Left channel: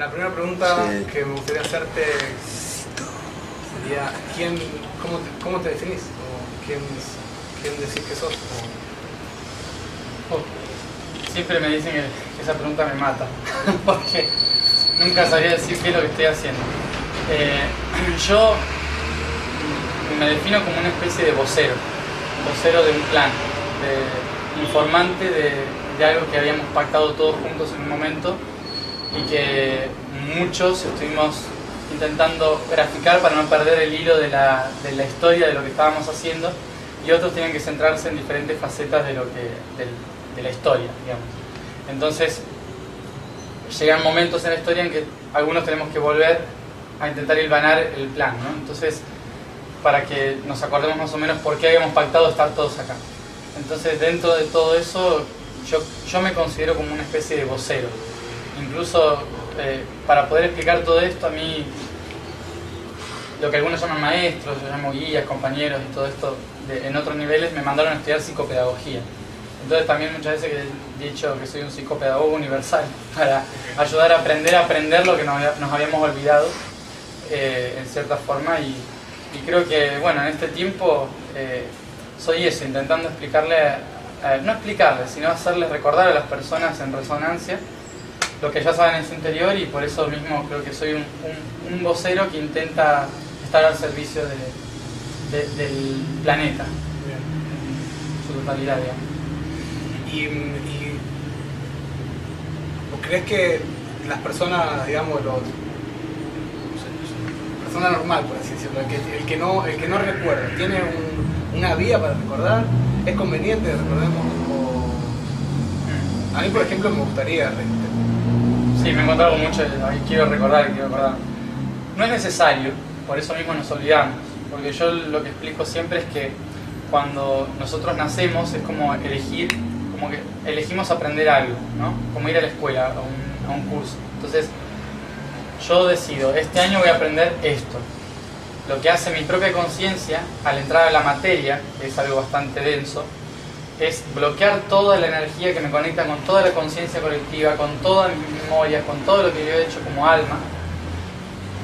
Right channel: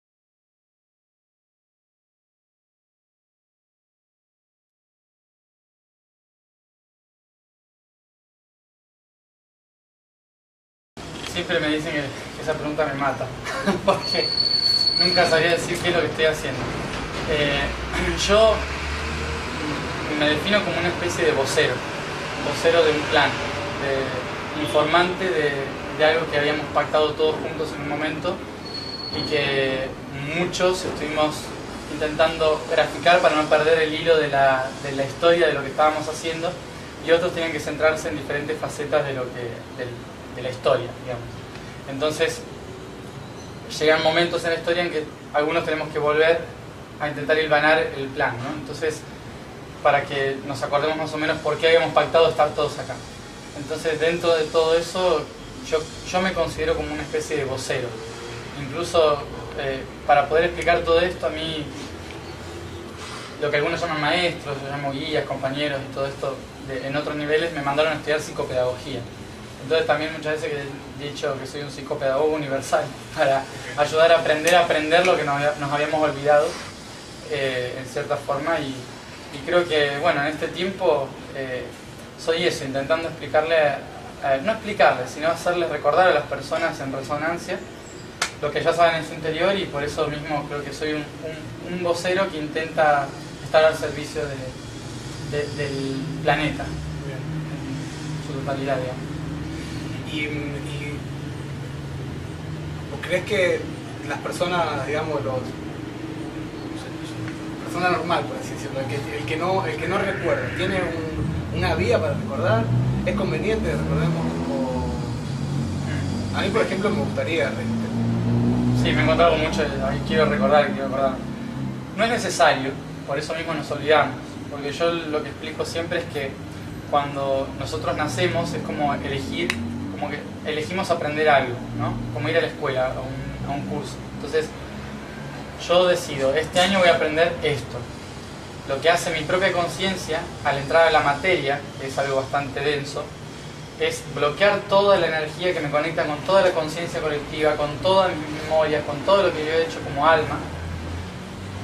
La primera pregunta que me gustaría hacerte sería, ¿cómo te definís? ¿O quién decís que sos? Siempre me dicen que esa pregunta me mata, porque nunca sabría decir qué es lo que estoy haciendo. Yo me defino como una especie de vocero de un plan, de informante de algo que habíamos pactado todos juntos en un momento y que muchos estuvimos intentando graficar para no perder el hilo de la historia de lo que estábamos haciendo, y otros tenían que centrarse en diferentes facetas de la historia, digamos. Entonces llegan momentos en la historia en que algunos tenemos que volver a intentar hilvanar el plan, ¿no? Entonces, para que nos acordemos más o menos por qué habíamos pactado estar todos acá. Entonces, dentro de todo eso, yo me considero como una especie de vocero. Incluso para poder explicar todo esto, a mí, lo que algunos llaman maestros, yo llamo guías, compañeros y todo esto, en otros niveles me mandaron a estudiar psicopedagogía. Entonces también muchas veces he dicho que soy un psicopedagogo universal, para ayudar a aprender lo que nos habíamos olvidado, en cierta forma, y creo que, bueno, en este tiempo soy eso, intentando no explicarles, sino hacerles recordar a las personas en resonancia lo que ya saben en su interior, y por eso mismo creo que soy un vocero que intenta estar al servicio del planeta, en su totalidad, digamos. ¿Y vos crees que las personas, digamos, la persona normal, por así decirlo, el que no recuerda, tiene una vía para recordar? ¿Es conveniente, recordemos? A mí, por ejemplo, me gustaría... Sí, me he encontrado mucho, quiero recordar. No es necesario, por eso mismo nos olvidamos, porque yo lo que explico siempre es que cuando nosotros nacemos es como que elegimos aprender algo, ¿no? Como ir a la escuela, a un curso. Entonces, yo decido, este año voy a aprender esto. Lo que hace mi propia conciencia al entrar a la materia, que es algo bastante denso, es bloquear toda la energía que me conecta con toda la conciencia colectiva, con todas mis memorias, con todo lo que yo he hecho como alma,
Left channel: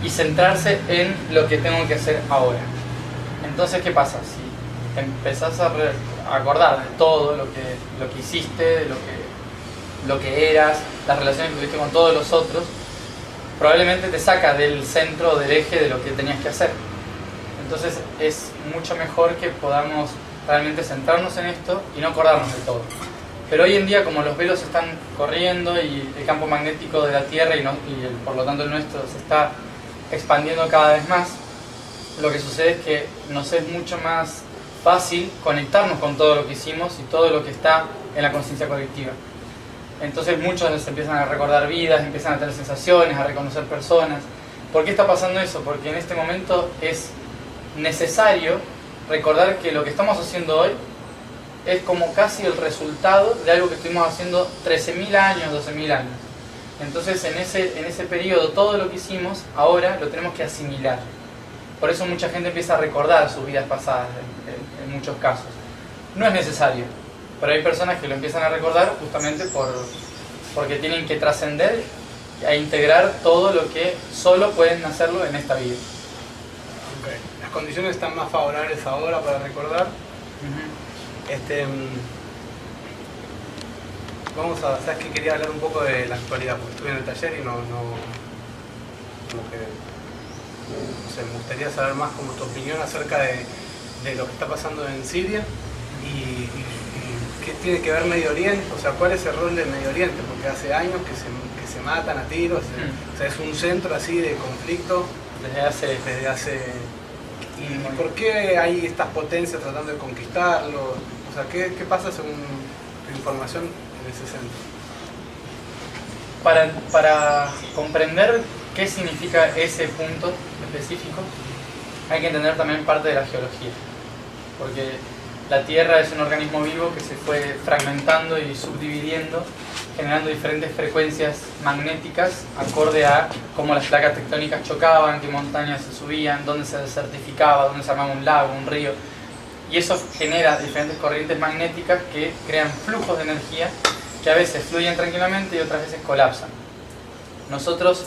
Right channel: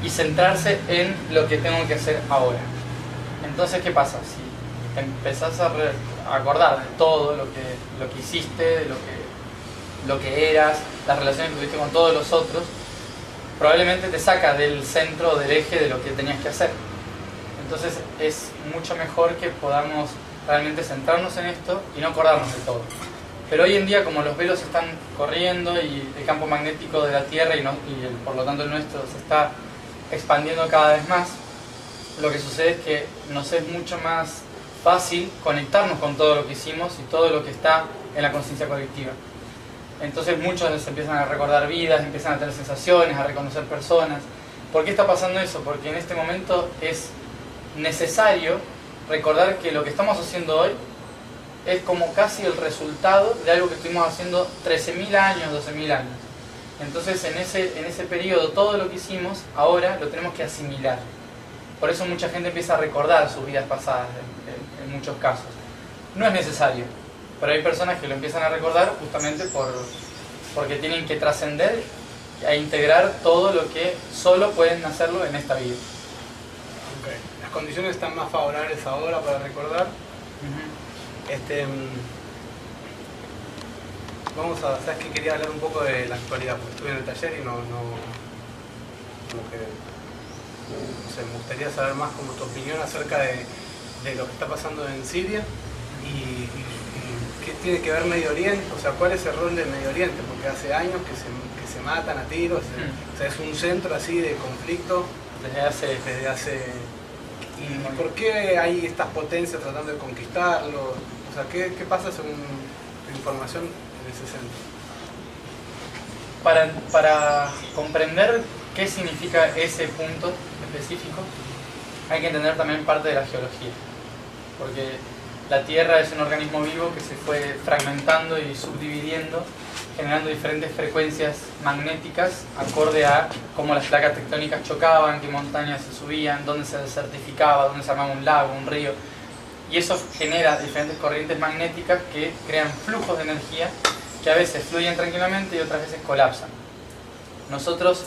y centrarse en lo que tengo que hacer ahora. Entonces, ¿qué pasa? Si empezás a acordar de todo lo que hiciste, de lo que eras, las relaciones que tuviste con todos los otros, probablemente te saca del centro, del eje de lo que tenías que hacer. Entonces es mucho mejor que podamos realmente centrarnos en esto y no acordarnos de todo. Pero hoy en día, como los velos están corriendo y el campo magnético de la Tierra por lo tanto el nuestro se está expandiendo cada vez más, lo que sucede es que nos es mucho más fácil conectarnos con todo lo que hicimos y todo lo que está en la conciencia colectiva. Entonces muchos se empiezan a recordar vidas, empiezan a tener sensaciones, a reconocer personas. ¿Por qué está pasando eso? Porque en este momento es necesario recordar que lo que estamos haciendo hoy es como casi el resultado de algo que estuvimos haciendo 13.000 años, 12.000 años. Entonces en ese periodo todo lo que hicimos ahora lo tenemos que asimilar. Por eso mucha gente empieza a recordar sus vidas pasadas en muchos casos. No es necesario, pero hay personas que lo empiezan a recordar justamente porque tienen que trascender e integrar todo lo que solo pueden hacerlo en esta vida. Okay. Las condiciones están más favorables ahora para recordar. Vamos a... ¿Sabes qué? Quería hablar un poco de la actualidad, porque estuve en el taller y no sé, me gustaría saber más como tu opinión acerca de lo que está pasando en Siria y qué tiene que ver Medio Oriente, o sea, cuál es el rol de Medio Oriente, porque hace años que se matan a tiros, o sea, es un centro así de conflicto desde hace ¿y por qué hay estas potencias tratando de conquistarlo? O sea, ¿qué pasa según tu información en ese centro? Para comprender qué significa ese punto específico, hay que entender también parte de la geología, porque la Tierra es un organismo vivo que se fue fragmentando y subdividiendo, generando diferentes frecuencias magnéticas acorde a cómo las placas tectónicas chocaban, qué montañas se subían, dónde se desertificaba, dónde se armaba un lago, un río, y eso genera diferentes corrientes magnéticas que crean flujos de energía que a veces fluyen tranquilamente y otras veces colapsan. Nosotros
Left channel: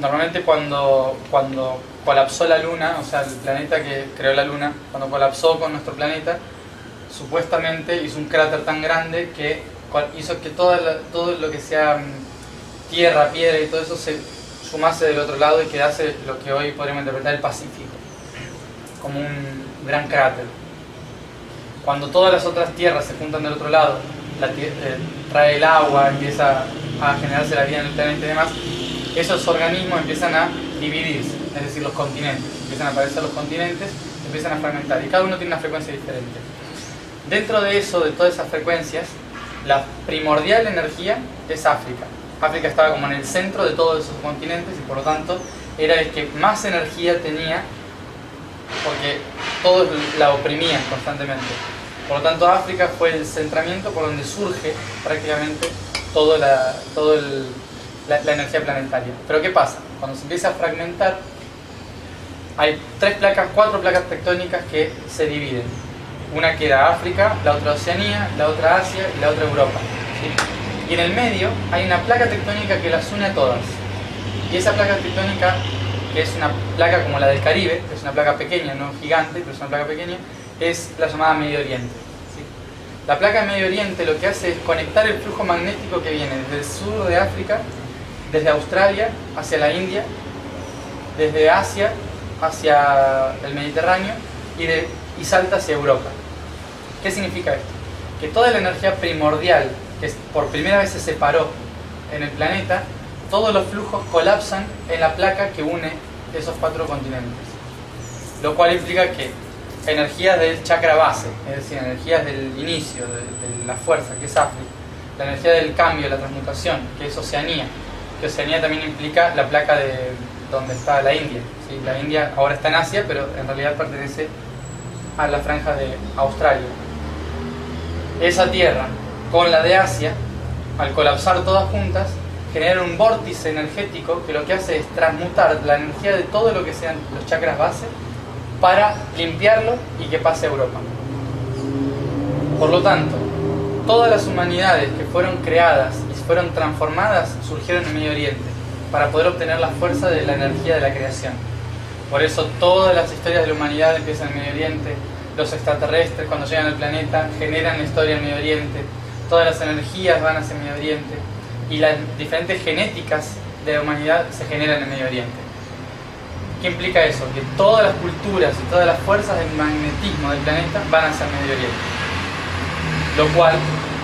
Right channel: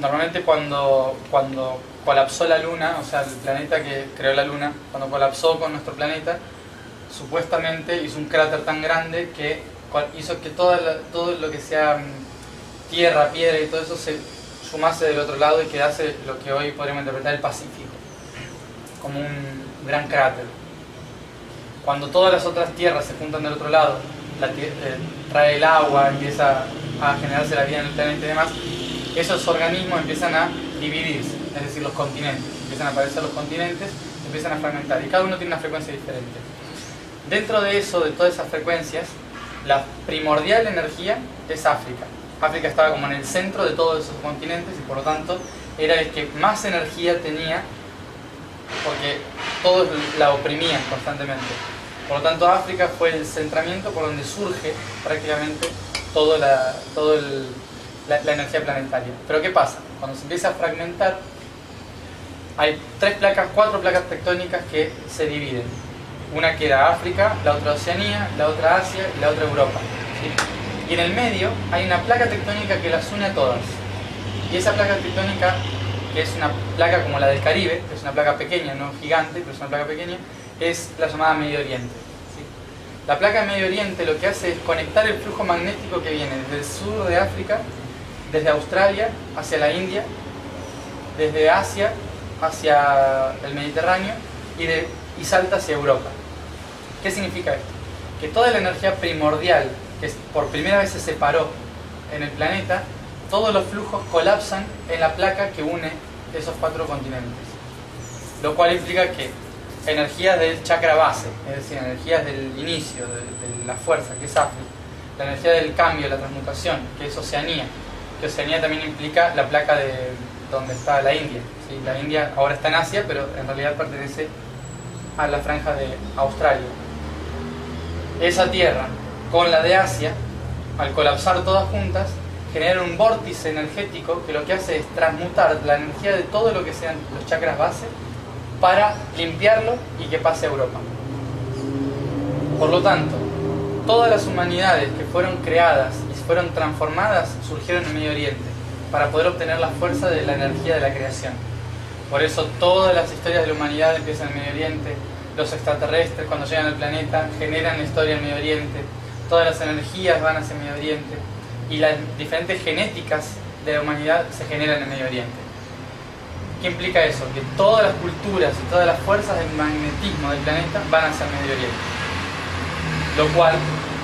Normalmente cuando colapsó la Luna, o sea, el planeta que creó la Luna, cuando colapsó con nuestro planeta, supuestamente hizo un cráter tan grande que hizo que todo lo que sea tierra, piedra y todo eso se sumase del otro lado y quedase lo que hoy podríamos interpretar el Pacífico, como un gran cráter. Cuando todas las otras tierras se juntan del otro lado, trae el agua, empieza a generarse la vida en el planeta y demás, esos organismos empiezan a dividirse, es decir, los continentes. Empiezan a aparecer los continentes, empiezan a fragmentar y cada uno tiene una frecuencia diferente. Dentro de eso, de todas esas frecuencias, la primordial energía es África. África estaba como en el centro de todos esos continentes y por lo tanto era el que más energía tenía porque todos la oprimían constantemente. Por lo tanto, África fue el centramiento por donde surge prácticamente toda la energía planetaria. Pero ¿qué pasa? Cuando se empieza a fragmentar, hay 4 placas tectónicas que se dividen. Una queda África, la otra Oceanía, la otra Asia y la otra Europa, ¿sí? Y en el medio hay una placa tectónica que las une a todas. Y esa placa tectónica, que es una placa como la del Caribe, que es una placa pequeña, no gigante, pero es una placa pequeña, es la llamada Medio Oriente, ¿sí? La placa de Medio Oriente lo que hace es conectar el flujo magnético que viene desde el sur de África, desde Australia hacia la India, desde Asia hacia el Mediterráneo y salta hacia Europa. ¿Qué significa esto? Que toda la energía primordial que por primera vez se separó en el planeta, todos los flujos colapsan en la placa que une esos 4 continentes. Lo cual implica que energías del chakra base, es decir, energías del inicio, de la fuerza, que es África, la energía del cambio, la transmutación, que es Oceanía, que Oceanía también implica la placa de donde está la India, ¿sí? La India ahora está en Asia, pero en realidad pertenece a la franja de Australia. Esa tierra con la de Asia, al colapsar todas juntas, genera un vórtice energético que lo que hace es transmutar la energía de todo lo que sean los chakras base para limpiarlo y que pase a Europa. Por lo tanto, todas las humanidades que fueron creadas y fueron transformadas surgieron en Medio Oriente para poder obtener la fuerza de la energía de la creación. Por eso todas las historias de la humanidad empiezan en Medio Oriente. Los extraterrestres cuando llegan al planeta generan la historia en Medio Oriente. Todas las energías van hacia Medio Oriente. Y las diferentes genéticas de la humanidad se generan en Medio Oriente. ¿Qué implica eso? Que todas las culturas y todas las fuerzas del magnetismo del planeta van hacia el Medio Oriente. Lo cual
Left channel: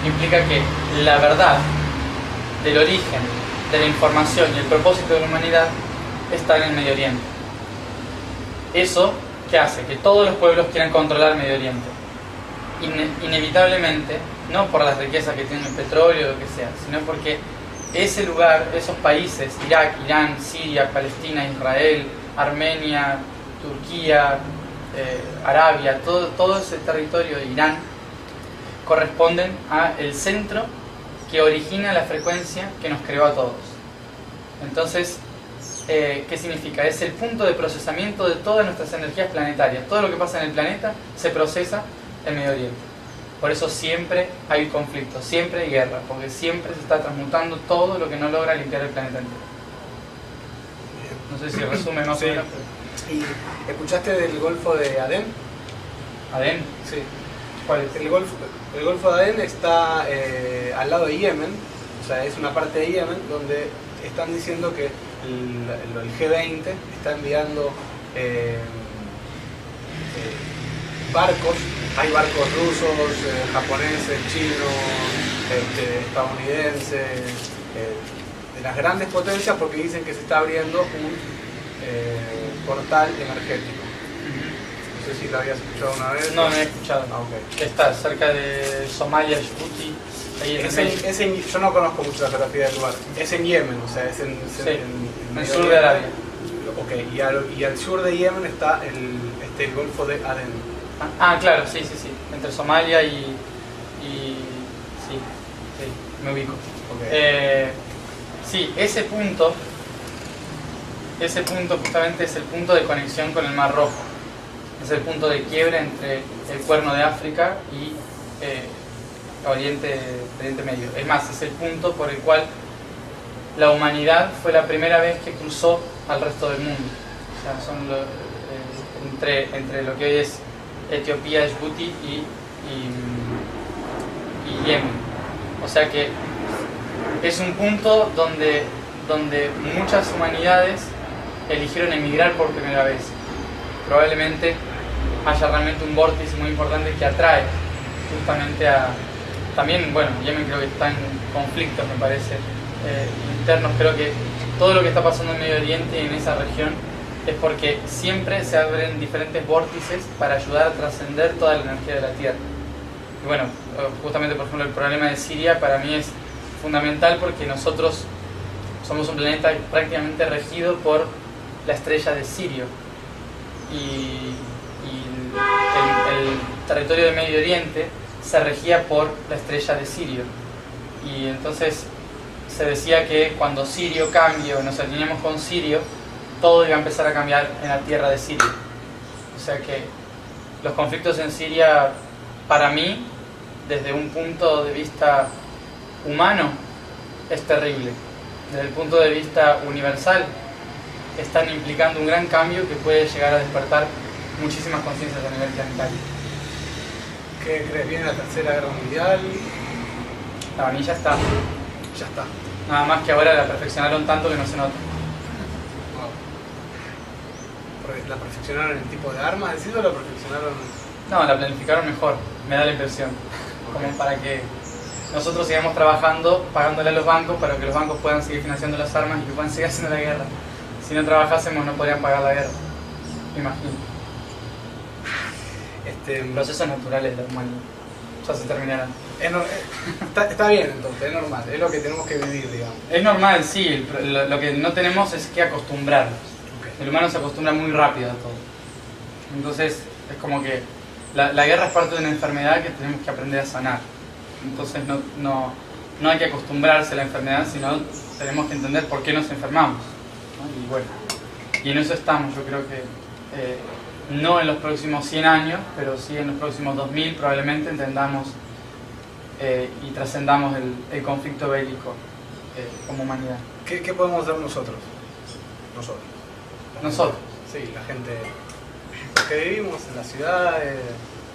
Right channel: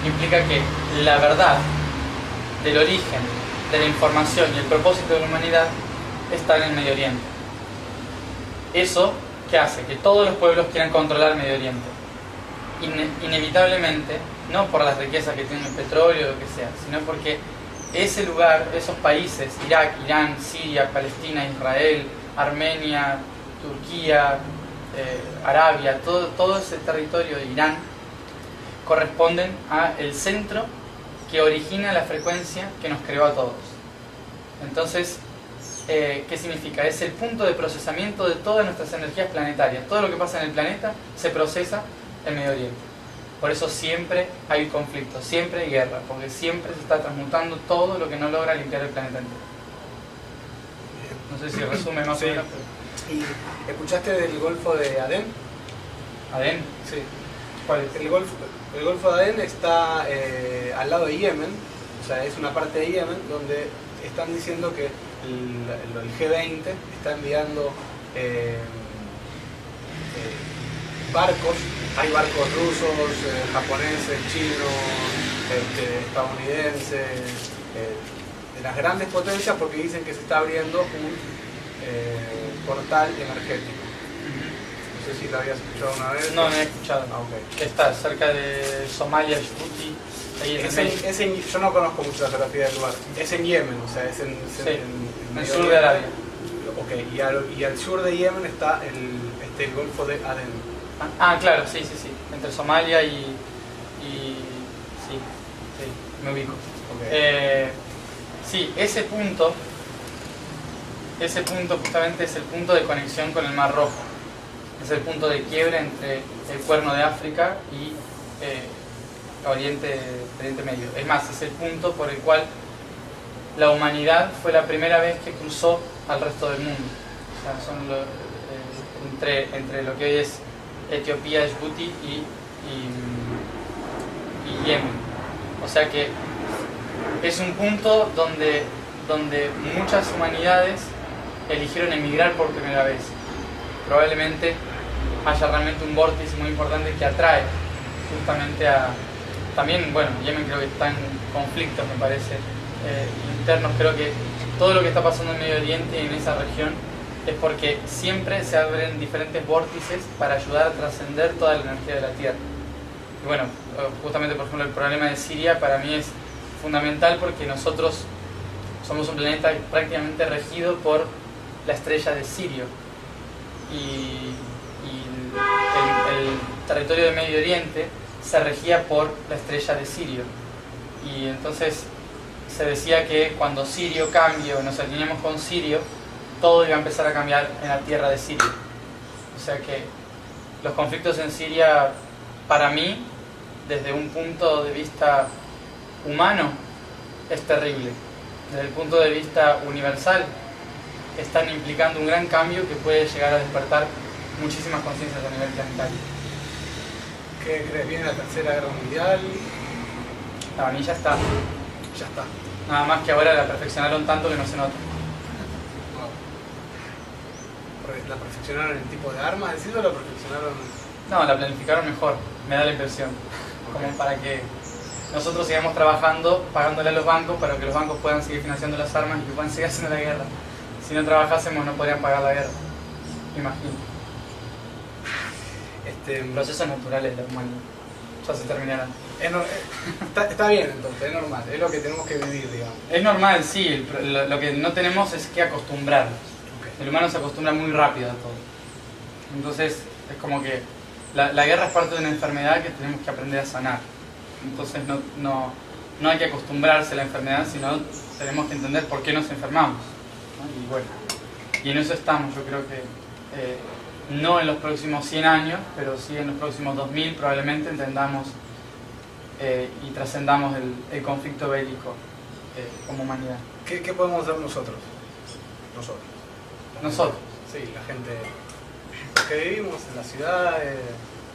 implica que la verdad del origen, de la información y el propósito de la humanidad está en el Medio Oriente. Eso que hace que todos los pueblos quieran controlar Medio Oriente. Inevitablemente, no por las riquezas que tiene el petróleo o lo que sea, sino porque ese lugar, esos países, Irak, Irán, Siria, Palestina, Israel, Armenia, Turquía, Arabia, todo ese territorio de Irán, corresponden al centro que origina la frecuencia que nos creó a todos. Entonces, ¿qué significa? Es el punto de procesamiento de todas nuestras energías planetarias. Todo lo que pasa en el planeta se procesa en Medio Oriente. Por eso siempre hay conflicto, siempre hay guerra, porque siempre se está transmutando todo lo que no logra limpiar el planeta entero. No sé si resume más o menos. ¿Y escuchaste del Golfo de Adén? ¿Adén? Sí. ¿Cuál es? El Golfo de Adén está al lado de Yemen, o sea, es una parte de Yemen donde están diciendo que el G20 está enviando barcos. Hay barcos rusos, japoneses, chinos, estadounidenses, de las grandes potencias, porque dicen que se está abriendo un portal energético. No sé si lo habías escuchado una vez. No, no he escuchado. Ah, okay. Está cerca de Somalia, Djibouti, ahí en el medio. Yo no conozco mucho la geografía del lugar. Es en Yemen, o sea, es en el sur de Arabia. Okay. Y al sur de Yemen está el Golfo de Adén. Claro, sí. Entre Somalia y sí, me ubico. Okay. Sí, ese punto justamente es el punto de conexión con el Mar Rojo. Es el punto de quiebra entre el Cuerno de África y Oriente Medio. Es más, es el punto por el cual la humanidad fue la primera vez que cruzó al resto del mundo. O sea, son entre lo que hoy es Etiopía, Djibouti y Yemen. O sea que es un punto donde muchas humanidades eligieron emigrar por primera vez. Probablemente haya realmente un vórtice muy importante que atrae justamente a... También, bueno, Yemen creo que está en conflictos, me parece, internos. Creo que todo lo que está pasando en Medio Oriente y en esa región es porque siempre se abren diferentes vórtices para ayudar a trascender toda la energía de la Tierra. Y bueno, justamente por ejemplo el problema de Siria para mí es fundamental porque nosotros somos un planeta prácticamente regido por la estrella de Sirio y el territorio de Medio Oriente se regía por la estrella de Sirio, y entonces se decía que cuando Sirio cambie o nos alineemos con Sirio, todo iba a empezar a cambiar en la tierra de Siria. O sea que los conflictos en Siria, para mí, desde un punto de vista humano, es terrible. Desde el punto de vista universal, están implicando un gran cambio que puede llegar a despertar muchísimas conciencias a nivel planetario. ¿Qué crees? ¿Viene la Tercera Guerra Mundial? Para mí ya está. Ya está. Nada más que ahora la perfeccionaron tanto que no se nota. ¿La perfeccionaron en el tipo de armas, decís, o la perfeccionaron? No, la planificaron mejor, me da la impresión. Como para que nosotros sigamos trabajando, pagándole a los bancos para que los bancos puedan seguir financiando las armas y que puedan seguir haciendo la guerra. Si no trabajásemos no podrían pagar la guerra, me imagino. Procesos naturales de la humanidad, ya se terminarán. Está bien entonces, es normal, es lo que tenemos que vivir, digamos. Es normal, sí, lo que no tenemos es que acostumbrarnos. Okay. El humano se acostumbra muy rápido a todo. Entonces es como que la guerra es parte de una enfermedad que tenemos que aprender a sanar. Entonces no hay que acostumbrarse a la enfermedad, sino tenemos que entender por qué nos enfermamos, ¿no? Y bueno, y en eso estamos. Yo creo que no en los próximos 100 años, pero sí en los próximos 2000 probablemente entendamos y trascendamos el conflicto bélico como humanidad. ¿Qué podemos hacer nosotros? Nosotros. Sí, la gente que vivimos en las ciudades,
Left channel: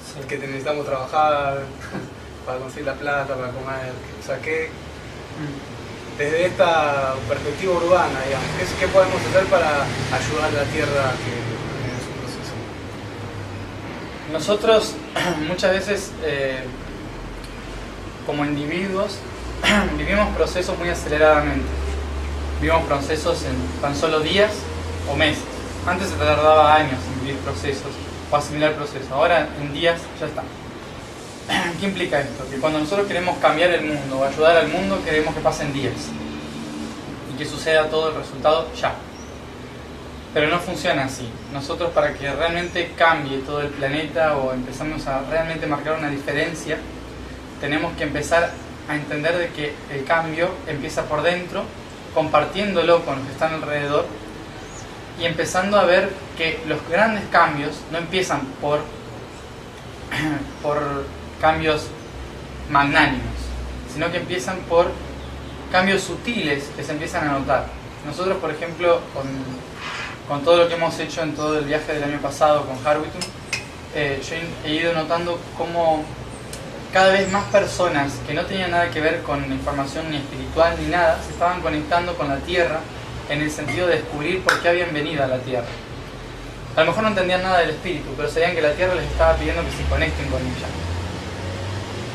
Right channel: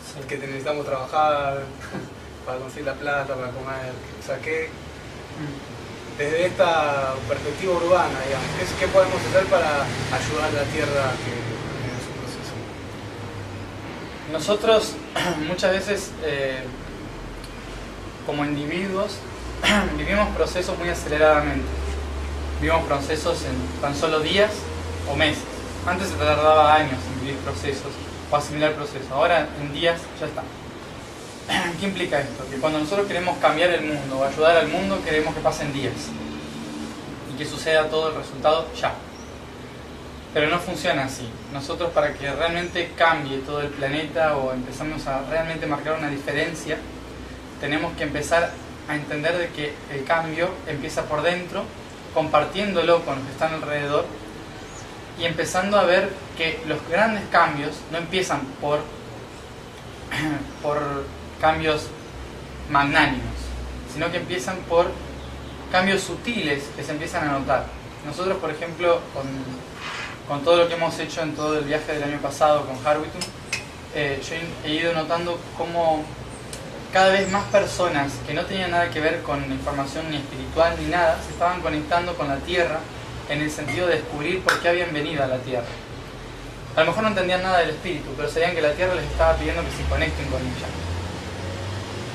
sí, que necesitamos trabajar para conseguir la plata, para comer. O sea, desde esta perspectiva urbana, digamos, ¿qué podemos hacer para ayudar a la Tierra a que en su proceso? Nosotros muchas veces como individuos vivimos procesos muy aceleradamente. Vivimos procesos en tan solo días o meses. Antes se tardaba años en vivir procesos o asimilar procesos. Ahora en días ya está. ¿Qué implica esto? Que cuando nosotros queremos cambiar el mundo o ayudar al mundo, queremos que pasen días y que suceda todo el resultado ya. Pero no funciona así. Nosotros, para que realmente cambie todo el planeta o empezamos a realmente marcar una diferencia, tenemos que empezar a entender de que el cambio empieza por dentro, compartiéndolo con los que están alrededor y empezando a ver que los grandes cambios no empiezan por cambios magnánimos, sino que empiezan por cambios sutiles que se empiezan a notar. Nosotros, por ejemplo, con todo lo que hemos hecho en todo el viaje del año pasado con Harwitton, yo he ido notando cómo cada vez más personas que no tenían nada que ver con información ni espiritual ni nada, se estaban conectando con la Tierra en el sentido de descubrir por qué habían venido a la Tierra. A lo mejor no entendían nada del espíritu, pero sabían que la Tierra les estaba pidiendo que se conecten con ella.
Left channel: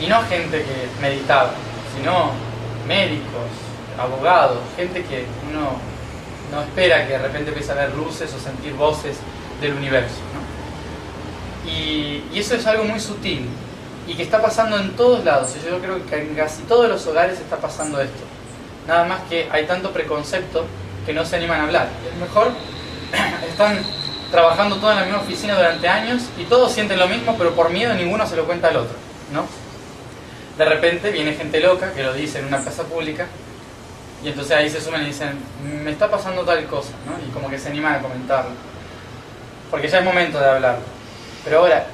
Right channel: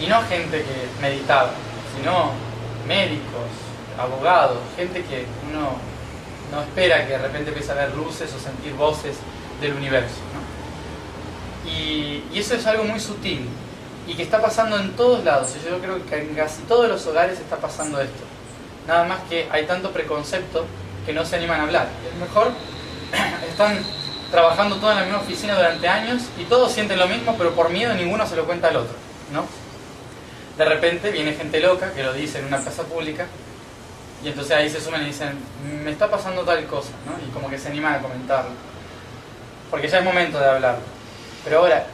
Y no gente que meditaba, sino médicos, abogados, gente que uno no espera que de repente empiece a ver luces o sentir voces del universo, ¿no? Y eso es algo muy sutil y que está pasando en todos lados. Y yo creo que en casi todos los hogares está pasando esto. Nada más que hay tanto preconcepto que no se animan a hablar. Y a lo mejor están trabajando todos en la misma oficina durante años y todos sienten lo mismo, pero por miedo ninguno se lo cuenta al otro, ¿no? De repente viene gente loca que lo dice en una plaza pública y entonces ahí se suman y dicen, me está pasando tal cosa, ¿no? Y como que se animan a comentarlo, porque ya es momento de hablarlo. Pero ahora,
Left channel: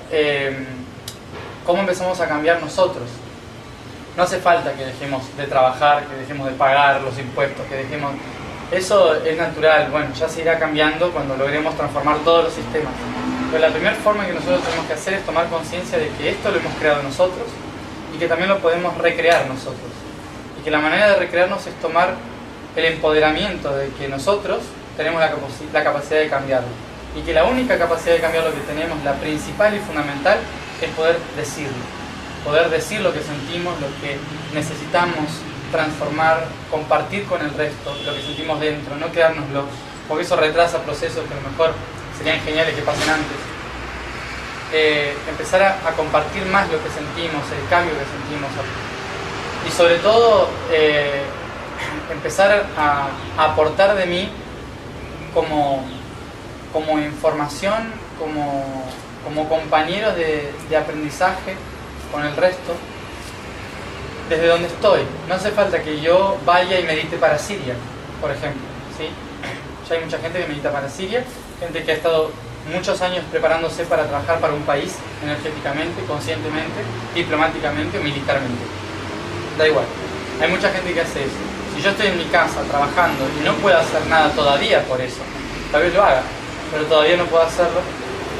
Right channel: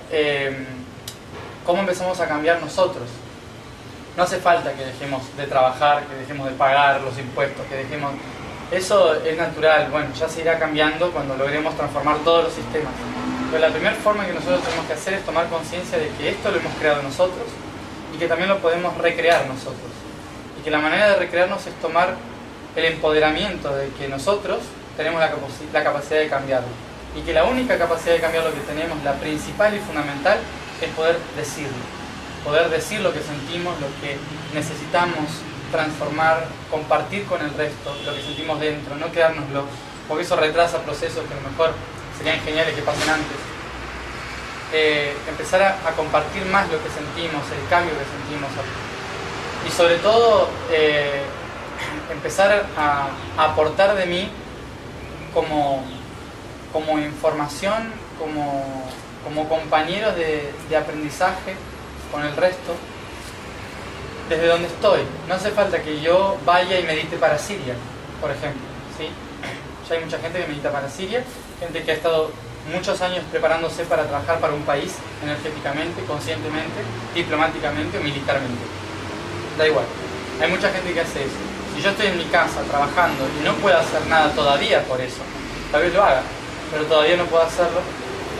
¿cómo empezamos a cambiar nosotros? no hace falta que dejemos de trabajar, que dejemos de pagar los impuestos, que dejemos... Eso es natural, bueno, ya se irá cambiando cuando logremos transformar todos los sistemas. Pero la primera forma que nosotros tenemos que hacer es tomar conciencia de que esto lo hemos creado nosotros y que también lo podemos recrear nosotros. Y que la manera de recrearnos es tomar el empoderamiento de que nosotros tenemos la capacidad de cambiarlo. Y que la única capacidad de cambiar lo que tenemos, la principal y fundamental, es poder decirlo. Poder decir lo que sentimos, lo que necesitamos transformar, compartir con el resto, lo que sentimos dentro, no quedárnoslo, porque eso retrasa procesos que a lo mejor serían geniales que pasen antes. Empezar a compartir más lo que sentimos, el cambio que sentimos. Y sobre todo, empezar a aportar de mí como información, como compañero de aprendizaje con el resto, desde donde estoy. No hace falta que yo vaya y medite para Siria, por ejemplo, ¿sí? Ya hay mucha gente que medita para Siria, gente que ha estado muchos años preparándose para trabajar para un país energéticamente, conscientemente, diplomáticamente, militarmente. Da igual. Hay mucha gente que hace eso. Si yo estoy en mi casa trabajando y no puedo hacer nada todavía por eso, tal vez lo haga, pero todavía no puedo hacerlo,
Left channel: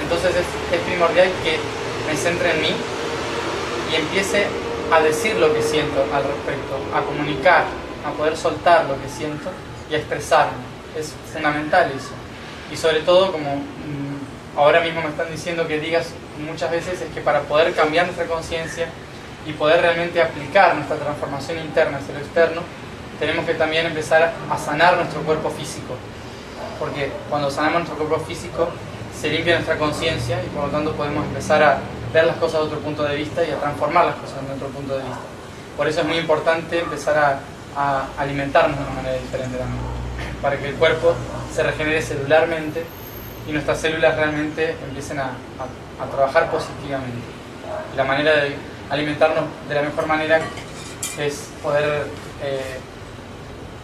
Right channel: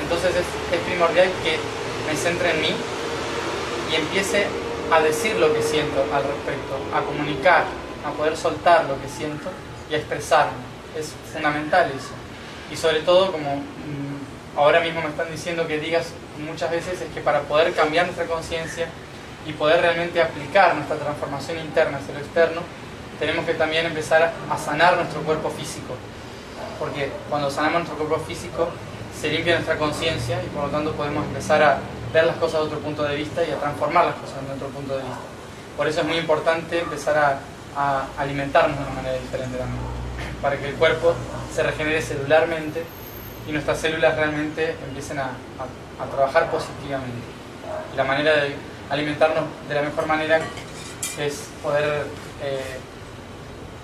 entonces es primordial que me centre en mí y empiece a decir lo que siento al respecto, a comunicar, a poder soltar lo que siento y a expresarme. Es fundamental eso. Y sobre todo, como ahora mismo me están diciendo que digas muchas veces, es que para poder cambiar nuestra conciencia y poder realmente aplicar nuestra transformación interna hacia lo externo, tenemos que también empezar a sanar nuestro cuerpo físico. Porque cuando sanamos nuestro cuerpo físico, se limpia nuestra conciencia y por lo tanto podemos empezar a ver las cosas de otro punto de vista y a transformar las cosas de otro punto de vista. Por eso es muy importante empezar a alimentarnos de una manera diferente también, para que el cuerpo se regenere celularmente y nuestras células realmente empiecen a trabajar positivamente. Y la manera de alimentarnos de la mejor manera es poder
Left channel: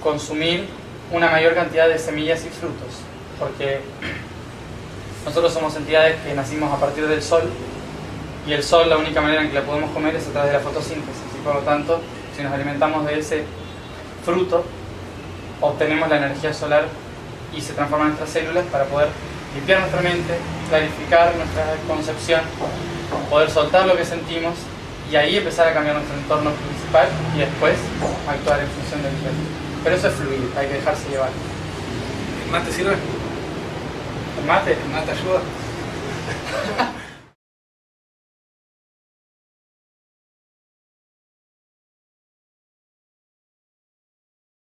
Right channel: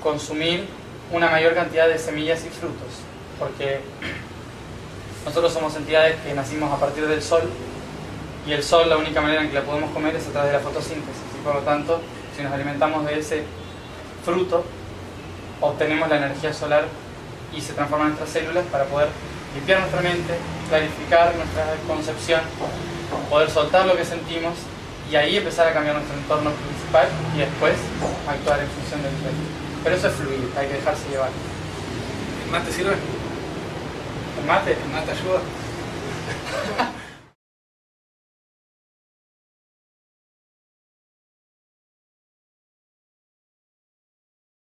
consumir una mayor cantidad de semillas y frutos, porque nosotros somos entidades que nacimos a partir del sol, y el sol, la única manera en que la podemos comer es a través de la fotosíntesis, y por lo tanto, si nos alimentamos de ese fruto, obtenemos la energía solar y se transforman nuestras células para poder limpiar nuestra mente, clarificar nuestra concepción, poder soltar lo que sentimos y ahí empezar a cambiar nuestro entorno principal y después actuar en función del mismo. Pero eso es fluir, hay que dejarse llevar. ¿El mate sirve? ¿El mate? ¿El mate ayuda?